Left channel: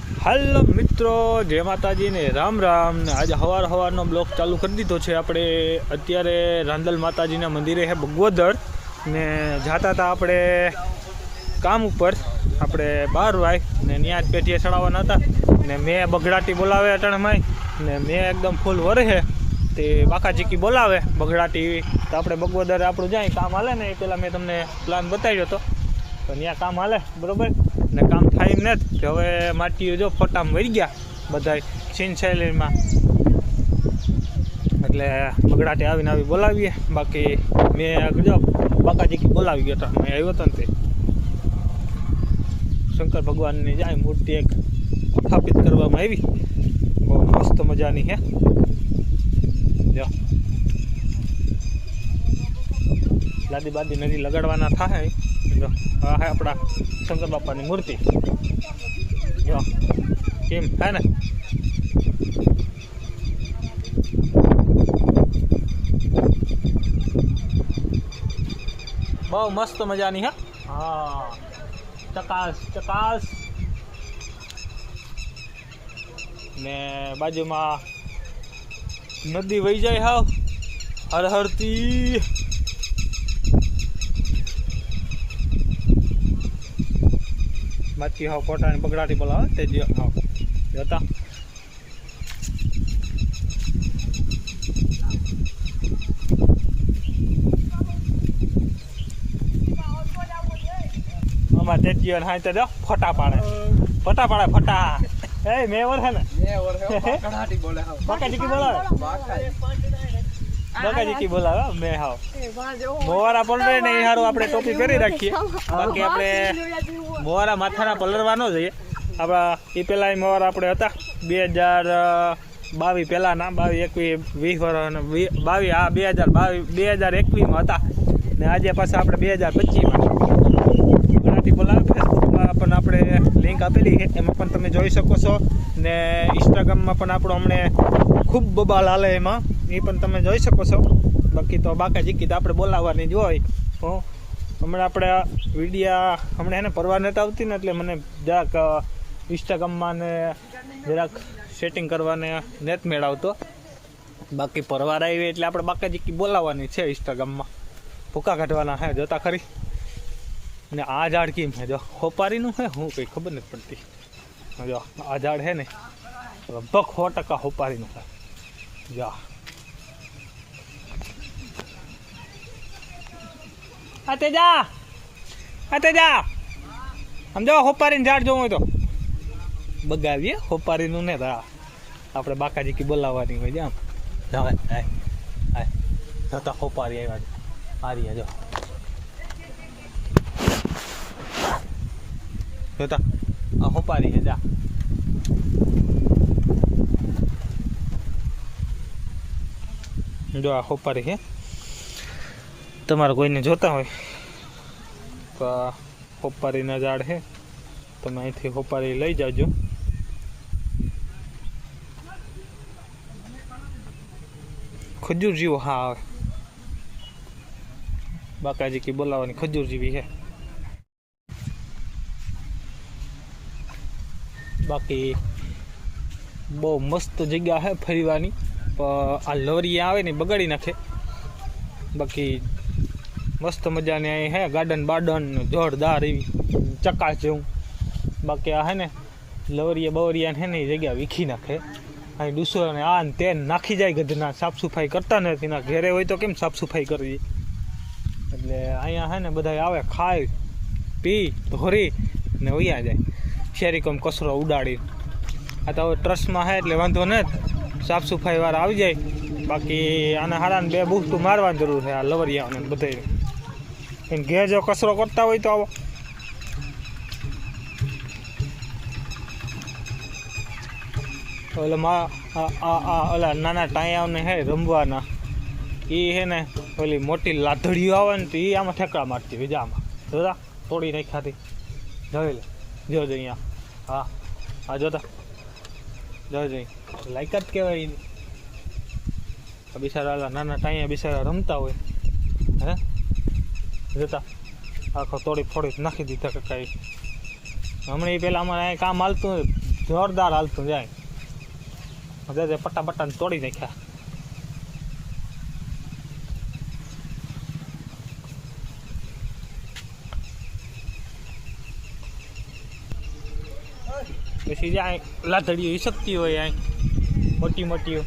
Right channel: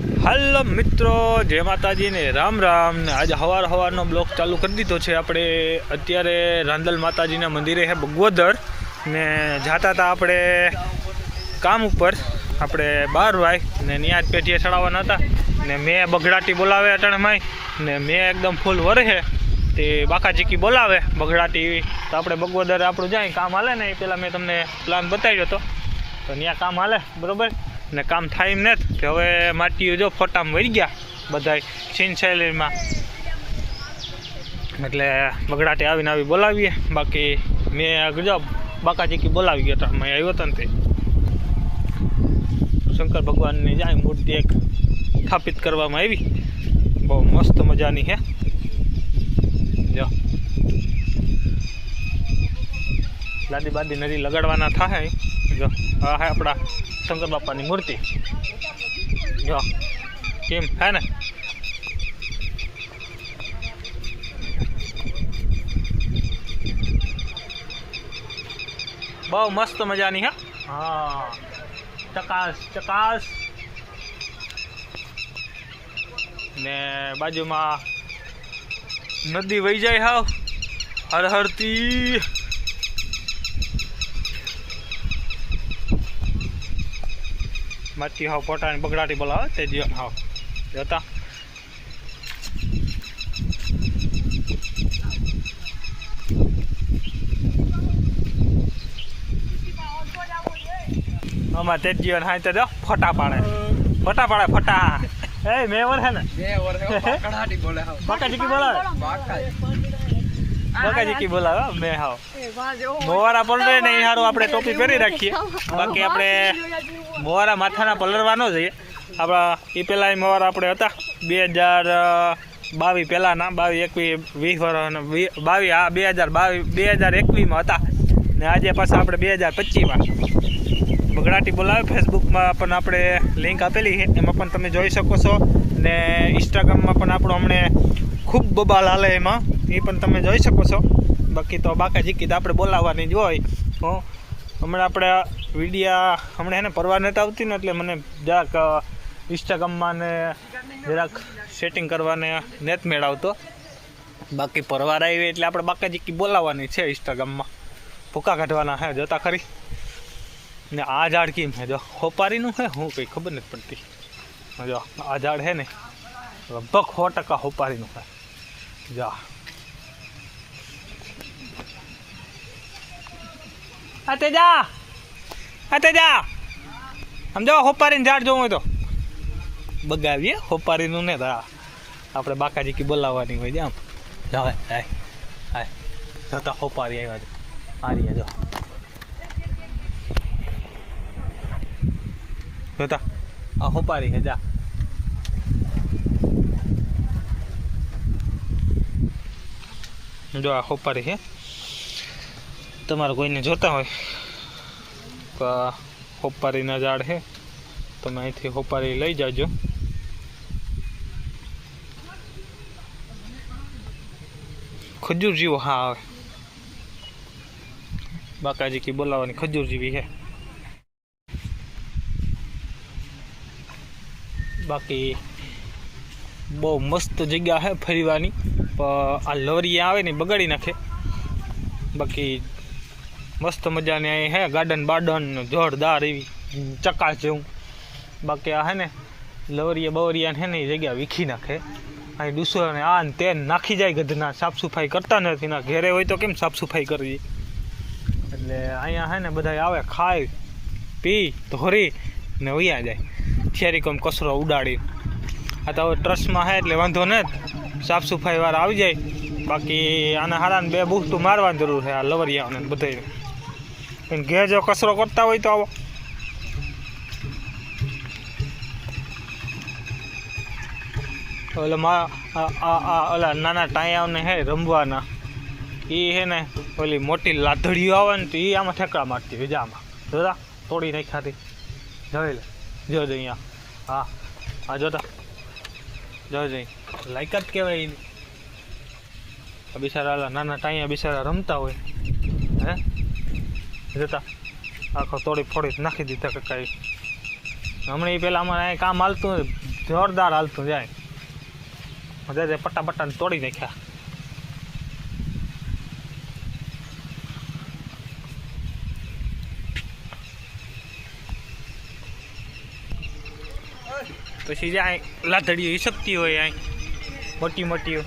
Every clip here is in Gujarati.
હાલો મિત્રો, જય માતાજી ને રામ રામ ને આજે સવારનો બ્લોગ ચાલુ કરી દીધો છે આપણે। અત્યારે રાંદલ માતાજીના મંદિરે છે બગવદર ને જાતા હતા આપણે કામ ઉપર। આપણે 12 વાય ને ત્યાં જ પેટીએ ચડાવવાના હતા ને મેં બગડાટી બોલાવે અટાણમાં ને મેં એકદમ ફૂલ વરહે તે બાકાજીકી બોલાવે બગડાટી તો આપણે બગવદર આપણું જાય કામ હાલે ને એ પહેલાં મેં તમને પ્લાન બતાવ્યો હતો તો ત્યાં કામ હાલે બરાબર ને કામ થાય એમ નથી કે હવે માટીઓ જો ફોટામાં વળી ગયા બધાય સીન શૈલીમાં એટલે બગડાટી આવીને આવી બોલાવીએ। બાકી મેં જો બાકાજીકી બોલાવી ગયો તો મેં આવ્યો હતો ને તે શંકર ભગવાનની જાય મૂર્તિ એક સ્થાપિત કરવામાં આવી, બહુ મસ્ત મજાની છે। જો લાદી બાદી નદી લગાડવાના થાય। જો આ હે આપણા શંકર બાપાની મૂર્તિ, જો કેમ હે ને બહુ મસ્ત મજાની હે। હા ચકાસ ચકાસ ને બાજુમાં નદી વહી જાય હાવ હરહરતી। માટી હાવ પોટાની બગડાટી બોલાવે તે જ હાવ જોતા આમાં તે જીવન હા તો ફોટા પાડે ફોટા એ મેવર હે ને બગડાટી બોલે હાવ બાકાજીકી બોલાવે મેં હાવ મોવારા પલરે ને એ સારું આપણે ટોપી પહેરી રાખીએ। બાકી આપણે મોવારા માથાના પલરવાનો જઈએ આપણા એ પહેલાં મોવારા આપણે હતા 2022 પહેલાંના 2021 વર્ષ 22 હા 2021માં હતા ને આજે પાછા આપણે 2025માં બગડાટી બોલાવે। ફેસબુકમાં પણ આપણે લિંક આપેલી છે એમાં પણ તમે જોઈ શકો છો ને ઇન્સ્ટાગ્રામમાં પણ આપણું હમણે ખૂબ બબાલ હાલે એમાં એ પણ તમે જોઈ શકો છો। બાકી તો બાકાજીકી તો આપણે બોલાવવાની જ હોય। હમણાં આપણે વિડીયા હમણાં એને પરવા નથી આવતી ને એટલે મને જરાક ઇન્સ્ટાગ્રામમાં ને જરાક સેટિંગ કરવાને નેટ મેળવતો। બાકી પરવાર આવી એટલે આપણે બાકાજીકી બોલાવવાની છે ઇન્સ્ટાગ્રામમાં, ભૂકા કાઢવાના હે જોતા ખરી ને આ ઝાડ કેમ છે જો હોપારીનું છે હું કંઈ ખબર નથી પડતી। જો આ ઝાડ છે ને લગભગ 100% હોપારીનું છે। જા આતે જા સમજો હોપારીને ઝાડ જોવું હોય તો બગાવીએ હોપારીનું ને આપણે બાકાજીકી બોલાવવાની હોય છે। આમ જાવ હાય જોતા હોપારી આવ્યા છે આ રહ્યા જો જોતા આ હોપારી છે જા જો આ હોપારી છે। તમારે કોઈને જોતા હોય તો હોપારીના ઝાડ છે તમે અહીંથી હોપારી લઈ જાજો। ખજૂર જેવો હા આવે બાકાજીકી બોલાવવાની ખજૂર જેવી છે। બાકી બહુ મસ્ત જગ્યા છે ફરવાની, આ લવરિયા આવે ને બગાડી નાખે। બાકી મસ્ત મજાની અહીં હે ગાર્ડન બાર્ડન જોરદાર એવી ચકાસ જેવું। બાકી આ હે ને લવરિયા બવરિયા હે ને એ જગ્યા વીખી નાખે। અહીં ડૂસો ને આ ને તે નાખી જાય ગધના, સાફ સફાઈ કરતા નથી ના ઘેરે હોય તો કેમ સાફ સફાઈ કરવી। એટલે અહીંયા હે ને બધા આવે ખાય પી ધોરી ને વયા જાય શેરી કોમ કચરો ઉડાડી। આ તો હવે ટ્રસ્ટમાં છે એટલે વાંધો ને સાફ સફાઈ વાળા આવી જાય। બાકી આના હારાને 2 બૂસ્ટું મારવાની જરૂર છે આ લવરિયાઓને બધાને। ઘેર જો કચરો કરતા હોય તો આવો ઓલા નાના ટાયાઓને હે રમવાના એ હે ને ઓલી મોટી લાધડીઓ આવે ને તો એ આમાં ઠેકડા મારતી હોય આમાં જોતા તોડી નાખ્યાથી જોઈ લે જો અહીંયા હા હા જોતા જોઈ લાયકાત કહેવાય એની। બિચારા નાના ટાયા બિચારા રમતા હોય હે જોતા આખો તોડી ફોડી નાખી દીધા કે કાંઈ। હમણાં એ પહેલાં અમારે અહીં કામ હાલતું જોરદાર હાલતું જાય મજા પટ્ટા પટ્ટાને તોડી નાખ્યા. પછી જાય લાધડીઓ શકતી હોય અહીં મોટી મોટી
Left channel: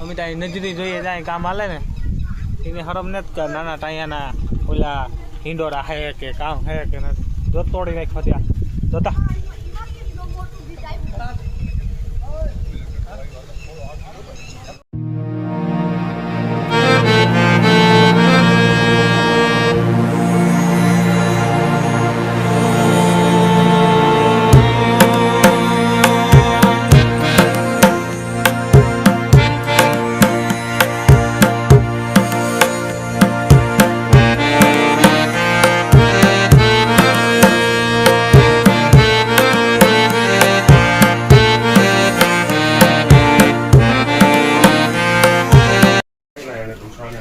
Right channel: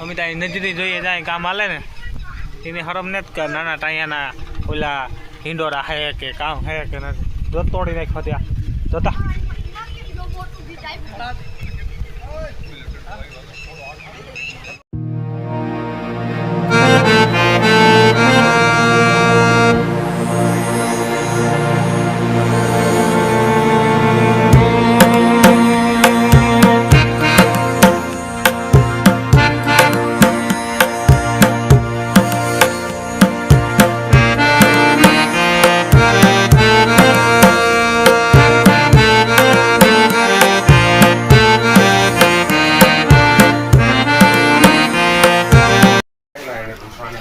અમે ત્યાં નજરી જોઈએ જાય કામ હાલે ને એને હરમ નથી કર નાના ટાયાના ઓલા હિંડોરા હે કે કામ હે કે નથી જો તોડી નાખ્યો ત્યાં જોતા.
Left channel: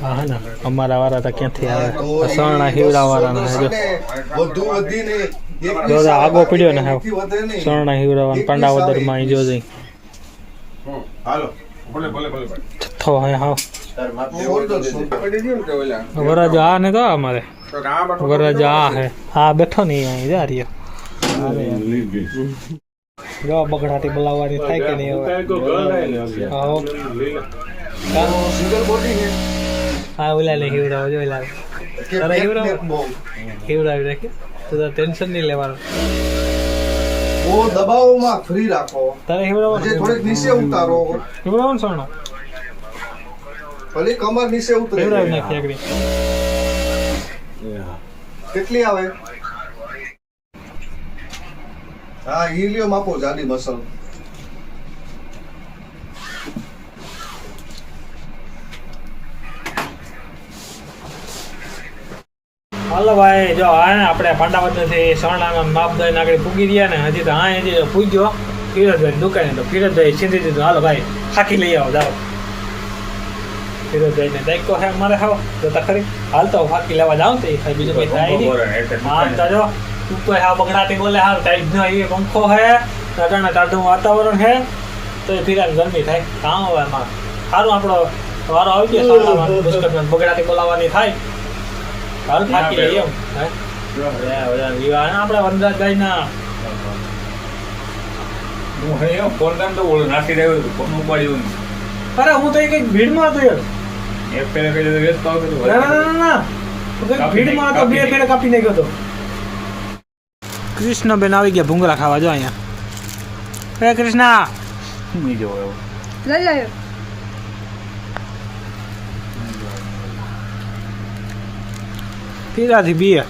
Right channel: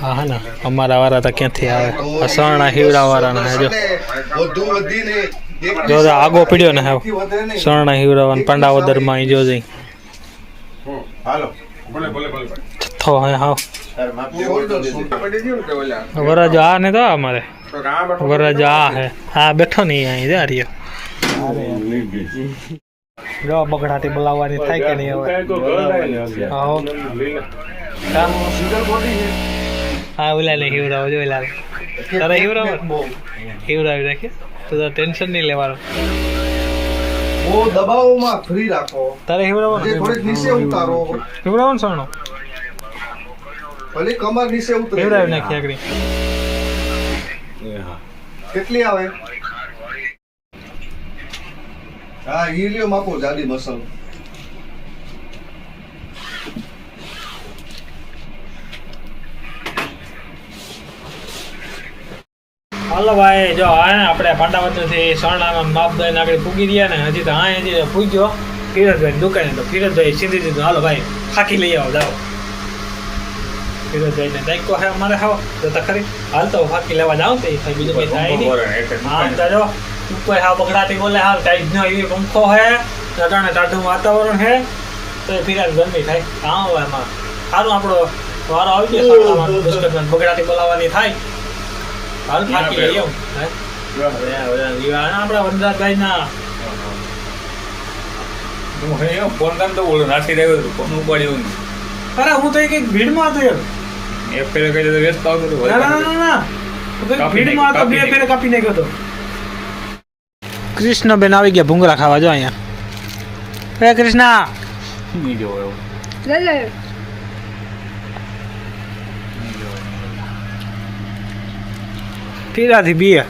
હા ને અમારા વાળા તો ક્યાંથી આવે સરણા હીવડા વાળાના જો જો આગો પડ્યો ને હવે સરણા હીવડાવાના પાંડાવદરમાં જો જઈ છથ્થો હે હાવ વરરાજો આ ને તો અમારે વરરાજો આ હે આ બેઠો નહીં અહીં જા રહ્યો જો બગડાટી બોલાવવાની થાય કે નહીં હવે હા ઓલા ને હિવડાવો જો ઓલા તારે હિવડાવી રાખે તો ટેન્શન નહીં લેવાનું. ઓ દબાવમાં ફ્રી રાખો. તારે હિવડાવો જે થોડીક નીચે ઉતારો. હિવડાવો ને સોનો ભલે કમર નીચે ઉતરે. હિવડાવી નાખી આગળ. કેટલી આવે? હા હીલિયમ આપો જાડી મસલ. હાલો ભાઈ જો આ ને આપણે પાંડાવદથી સરણાના માપ દઈને આગળ પૂગી રહ્યા ને હજી તો હા હજી પૂગ્યો ફિરોજભાઈ દુકાને તો ફિરોજભાઈ સીધી દીધું હાલો ભાઈ ફાંકી લઈ આવો જાઓ. ફિરોજભાઈ ને દાયકો હે અમારે હાવ જોતા ખરી હાલ તો ફાંકી લેવા જાવ તો એ બીજું કઈ થાય નહીં. હા તો જો ઉપર હા બગડાતી બોલે હા ટાઈટ નો એવી પંખો હે અટાણે ટાઢું વાતાવરણ હે તો એ ફિરાજ ગરમી થાય કાં હોય એમાં સારું આપણો વારો આવી ગયો બગડાટી બોલાવવાની થાય. હાલ ફાંકી લઈએ આપડા વનરાજભાઈ ના અરે હું તો કઈક ભીડમાં હતો ભીડમાં હતો 2 ફેરે કાપી નાખ્યો હતો. કૃષ્ણબેન આવી ગયા ભૂંગળા ખાવા જો અહીંયા. હે કૃષ્ણ પીરાથી બીએ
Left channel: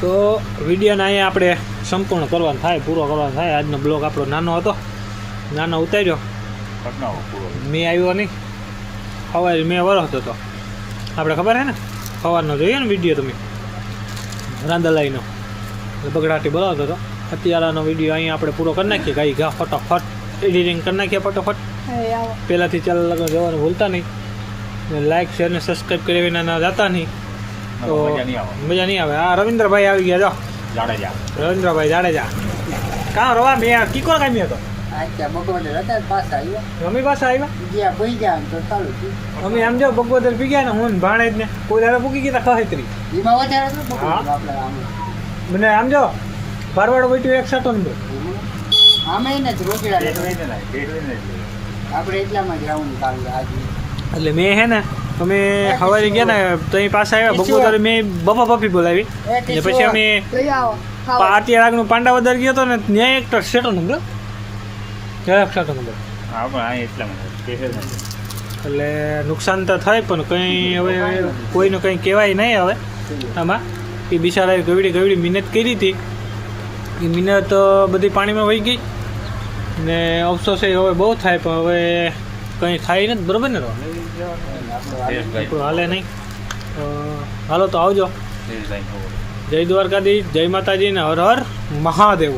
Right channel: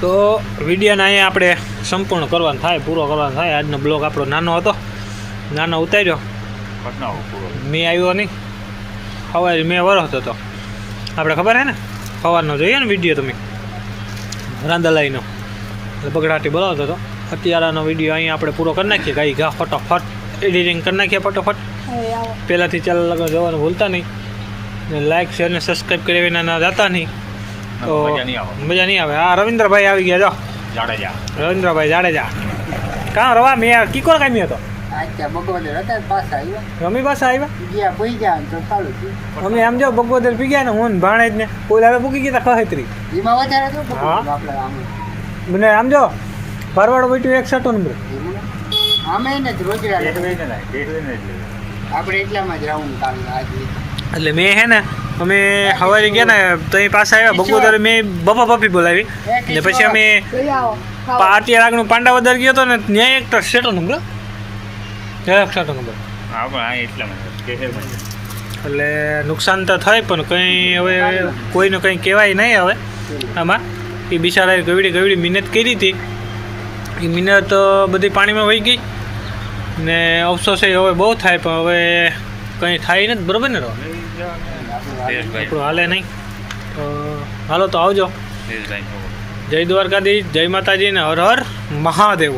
તો વિડીયોને અહીંયા આપણે સંપૂર્ણ કરવાનું થાય પૂરો કરવાનો થાય. આજનો બ્લોગ આપણો નાનો ઉતાર્યો મેં આવ્યો નહીં સવારે મેં વરસતો હતો આપણે ખબર હે ને સવારનો જોઈએ ને વિડીયો તમે રાંદલાઈનો બગડાટી બોલાવતો હતો. અત્યારનો વિડીયો અહીંયા આપણે પૂરો કરી નાખીએ ગાઈ ઘા ફટોફટ એડિટિંગ કરી નાખીએ ફટોફટ. પહેલાંથી ચાલ લગન જવાનું ભૂલતા નહીં ને લાઈક શેર ને સબસ્ક્રાઈબ કરી વિના ના જતા નહીં તો મજા નહીં આવે. હા રવિન્દ્રભાઈ આવી ગયા જો જાડેજા રવિન્દ્રભાઈ જાડેજા કાં રવા મેં કીકો કામ્યો હતો રમી પાસે આવ્યા અમે આમ જો બગોદર પી ગયા ને હું ભાણેજ ને કોઈ દાડે પૂકી ગયા ખહેત્રી મને આમ જો ફરવાડ બેઠું 61 નંબર એટલે મેં હે ને અમે સવારે ગયા ને તો અહીં પાસે આવ્યા બગોદર મેં બપા પપ્પી બોલાવી ને પછી અમે અત્યારે આગળ પાંડાવદર ગયો હતો ને ત્યાં એક સેટો નંબર એટલે નુકસાન તો થાય પણ કંઈ હવે કોઈને કંઈ કહેવાય નહીં હવે આમાં. એ બિચારાએ ગવડી મહેનત કરી હતી એ મહેનત બધી પાણીમાં વહી ગઈ ને અફસોસ એ હવે બહુ થાય પણ હવે કંઈ થાય નથી બરાબર ને આપણું હાલે નહીં તો હાલો તો આવજો. જય દ્વારકાધીશ જય માતાજી ને હર હર મહાદેવ.